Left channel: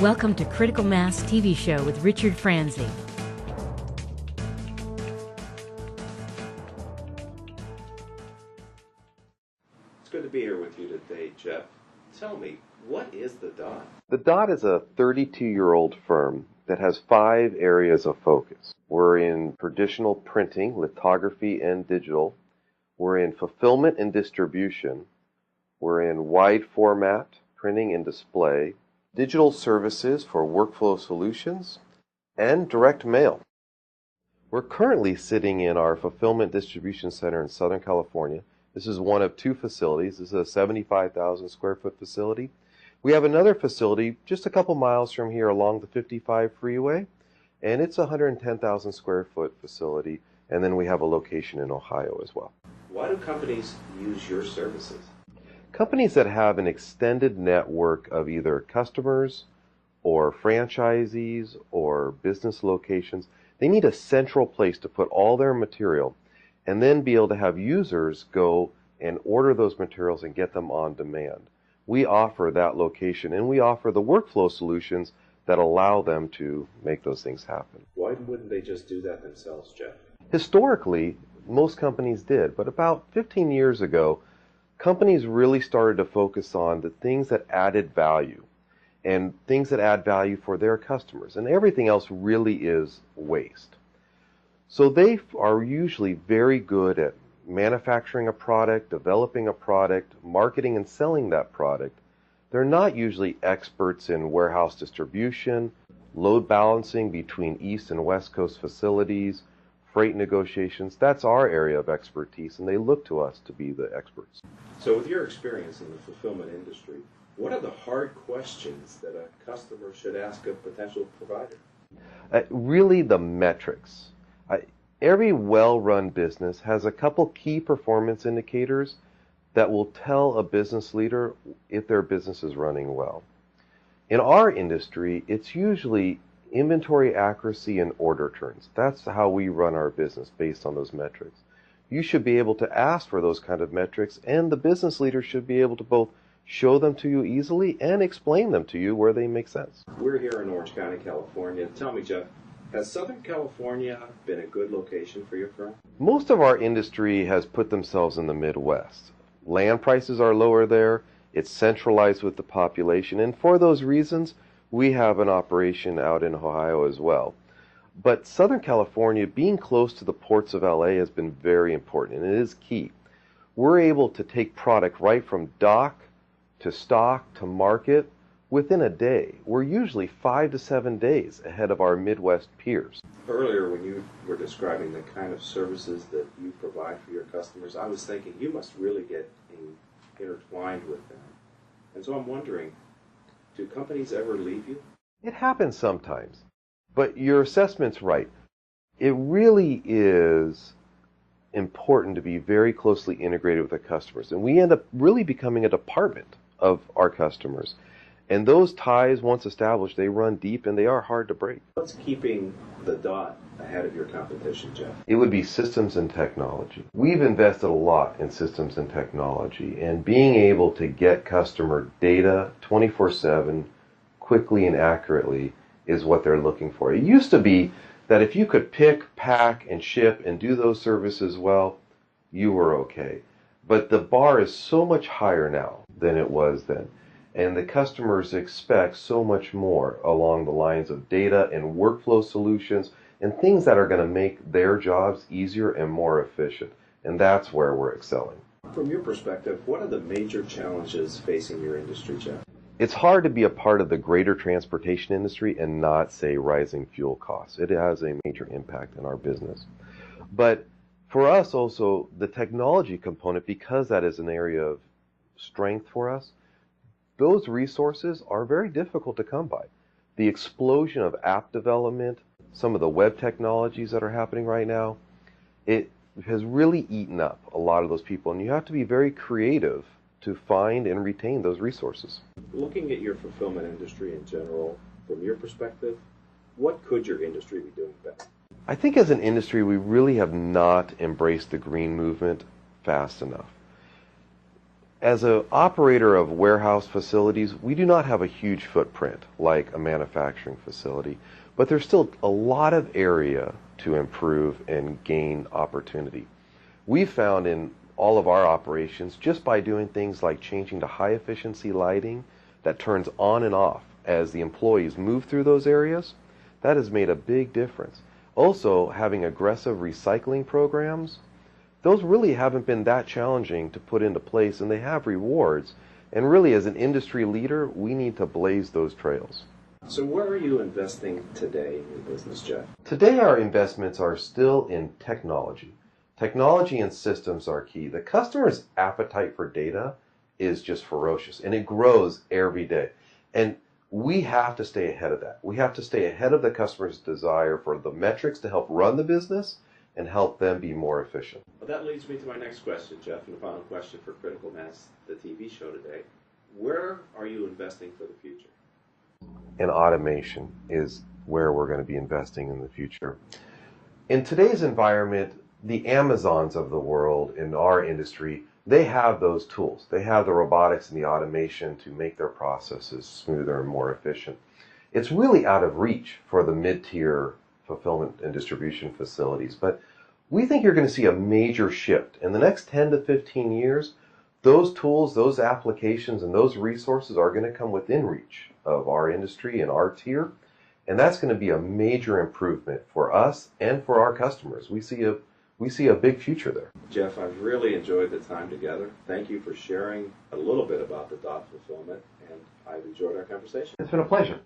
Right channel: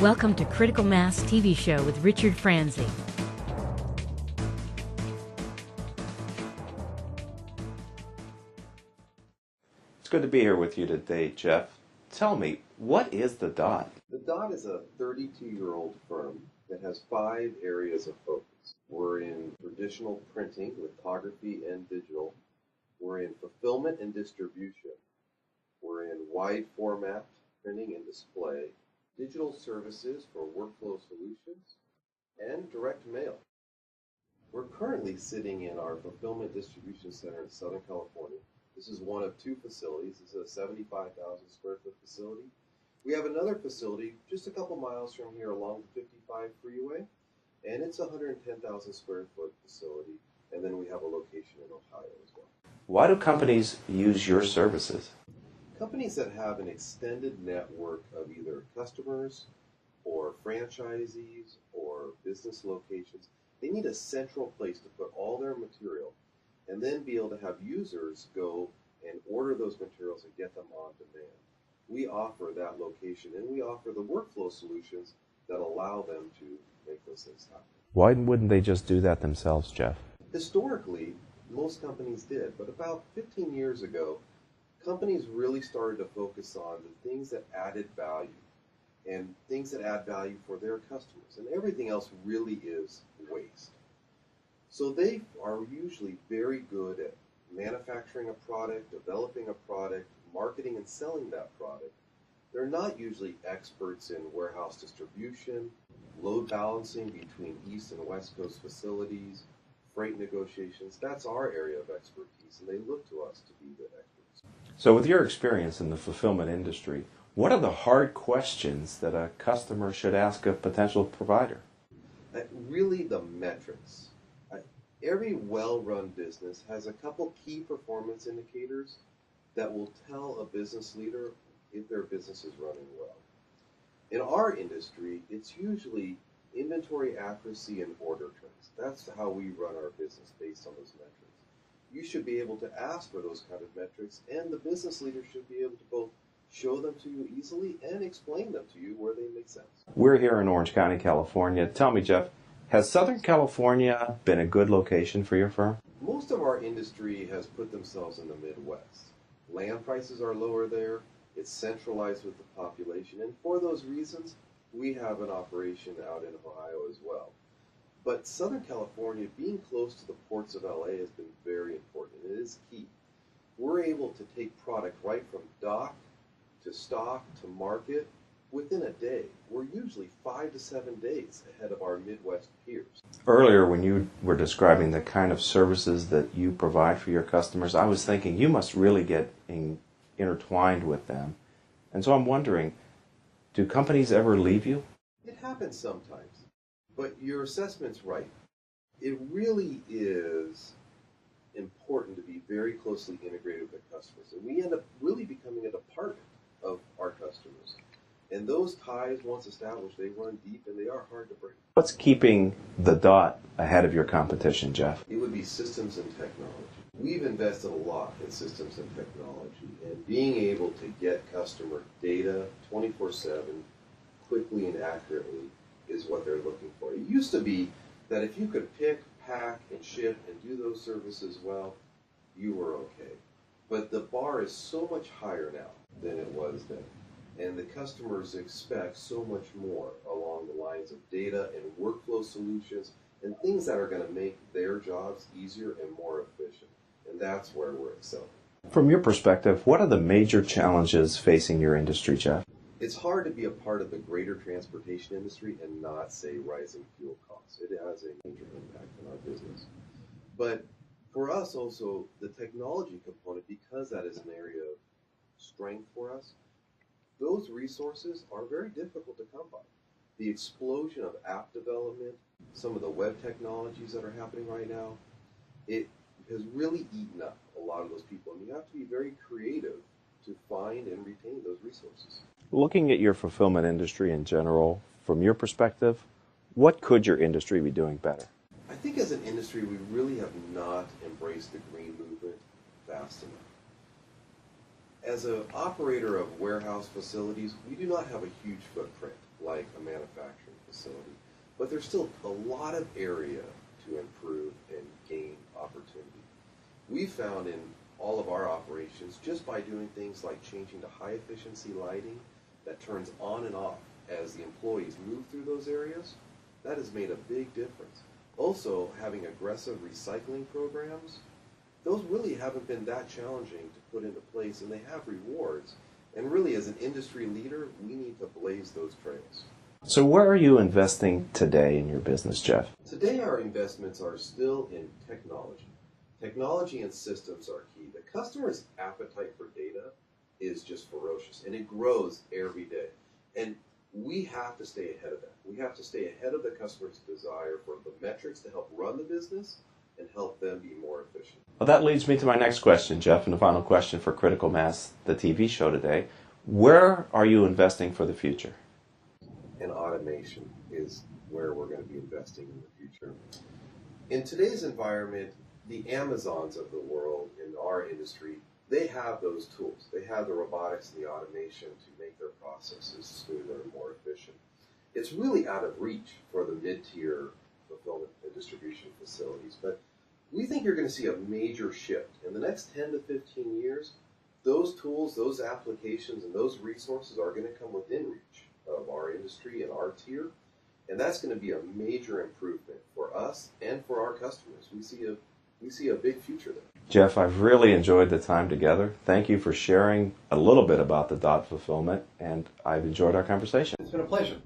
Welcome to Critical Mass TV Show with Richard Franzi. It's good to be here with you today, Jeff. Tell me, what is the DOT? The DOT is a 32-year-old firm that has 5 areas of focus. We're in traditional printing, lithography, and digital. We're in fulfillment and distribution. We're in wide format, printing and display, digital services for workflow solutions, and direct mail. We're currently sitting in our fulfillment distribution center in Southern California. This is one of 2 facilities. This is a 75,000 square foot facility. We have another facility just a couple miles from here along the 55 freeway, and it's a 110,000 square foot facility. And then we have a location in Ohio as well. Why do companies use your services? Companies that have an extended network of either customers or franchisees or business locations, they need a central place to put all their material and then be able to have users go and order those materials and get them on demand. We offer that location, and we offer the workflow solutions that allow them to make those things happen. Why wouldn't they just do that themselves, Jeff? Historically, most companies did, but about 15 years ago, companies really started to focus on the things that added value and things that add value for their customers, and everything else really is waste. So they are usually very good at manufacturing a product, developing a product, marketing and selling that product. They're not usually experts in warehouse distribution, load balancing between East and West Coast facilities, freight negotiations. That's our area of expertise, and they look to us to be the experts. So with your experience in the fulfillment industry, what are the hard questions that a customer should ask a potential provider? Really the metrics. Every well-run business has a couple key performance indicators that will tell a business leader if their business is running well. In our industry, it's usually inventory accuracy and order turns. That's how we run our business based on those metrics. You should be able to ask for those kind of metrics, and the business leader should be able to both show them to you easily and explain them to you where they make sense. We're here in Orange County, California. Tell me, Jeff, has Southern California been a good location for your firm? Most of our industry has put themselves in the Midwest. Land prices are lower there. It's centralized with the population, and for those reasons, we have an operation out in Ohio as well. But Southern California, being close to the ports of LA, has been very important, and it is key. We're able to take product right from dock to stock to market within a day. We're usually 5 to 7 days ahead of our Midwest peers. Earlier, when you were describing the kind of services that you provide for your customers, I was thinking you must really get intertwined with them. And so I'm wondering, do companies ever leave you? It happens sometimes, but your assessment's right. It really is important to be very closely integrated with the customers, and we end up really becoming a department of our customers. And those ties, once established, they run deep and they are hard to break. What's keeping the DOT ahead of your competition, Jeff? It would be systems and technology. We've invested a lot in systems and technology, and being able to get customer data 24/7 quickly and accurately is what they're looking for. It used to be that if you could pick, pack, and ship and do those services well, you were okay. But the bar is so much higher now than it was then. And the customers expect so much more along the lines of data and workflow solutions and things that are going to make their jobs easier and more efficient. And that's where we're excelling. From your perspective, what are the major challenges facing your industry, Jeff? It's hard to be a part of the greater transportation industry and not say rising fuel costs. It has a major impact in our business. But for us also, the technology component, because that is an area of strength for us, those resources are very difficult to come by. The explosion of app development, some of the web technologies that are happening right now, it has really eaten up a lot of those people, and you have to be very creative to find and retain those resources. Looking at your fulfillment industry in general, from your perspective, what could your industry be doing better? I think as an industry, we really have not embraced the green movement fast enough. As an operator of warehouse facilities, we do not have a huge footprint like a manufacturing facility, but there's still a lot of area to improve and gain opportunity. We've found in all of our operations, just by doing things like changing to high efficiency lighting that turns on and off as the employees move through those areas, that has made a big difference. Also, having aggressive recycling programs, those really haven't been that challenging to put into place, and they have rewards. And really, as an industry leader, we need to blaze those trails. So where are you investing today in your business, Jeff? Today, our investments are still in technology. Technology and systems are key. The customer's appetite for data is just ferocious, and it grows every day. And we have to stay ahead of that. We have to stay ahead of the customer's desire for the metrics to help run the business and help them be more efficient. Well, that leads me to my next question, Jeff, and the final question for Critical Mass, the TV show today. Where are you investing for the future? And automation is where we're going to be investing in the future. In today's environment, the Amazons of the world in our industry, they have those tools. They have the robotics and the automation to make their processes smoother and more efficient. It's really out of reach for the mid-tier fulfillment and distribution facilities, but we think you're going to see a major shift. In the next 10 to 15 years, those tools, those applications, and those resources are going to come within reach of our industry and our tier, and that's going to be a major improvement for us and for our customers. We see a big future there. Jeff, I've really enjoyed the time together. Thank you for sharing a little bit about the dot fulfillment, and I've enjoyed our conversation. It's been a pleasure.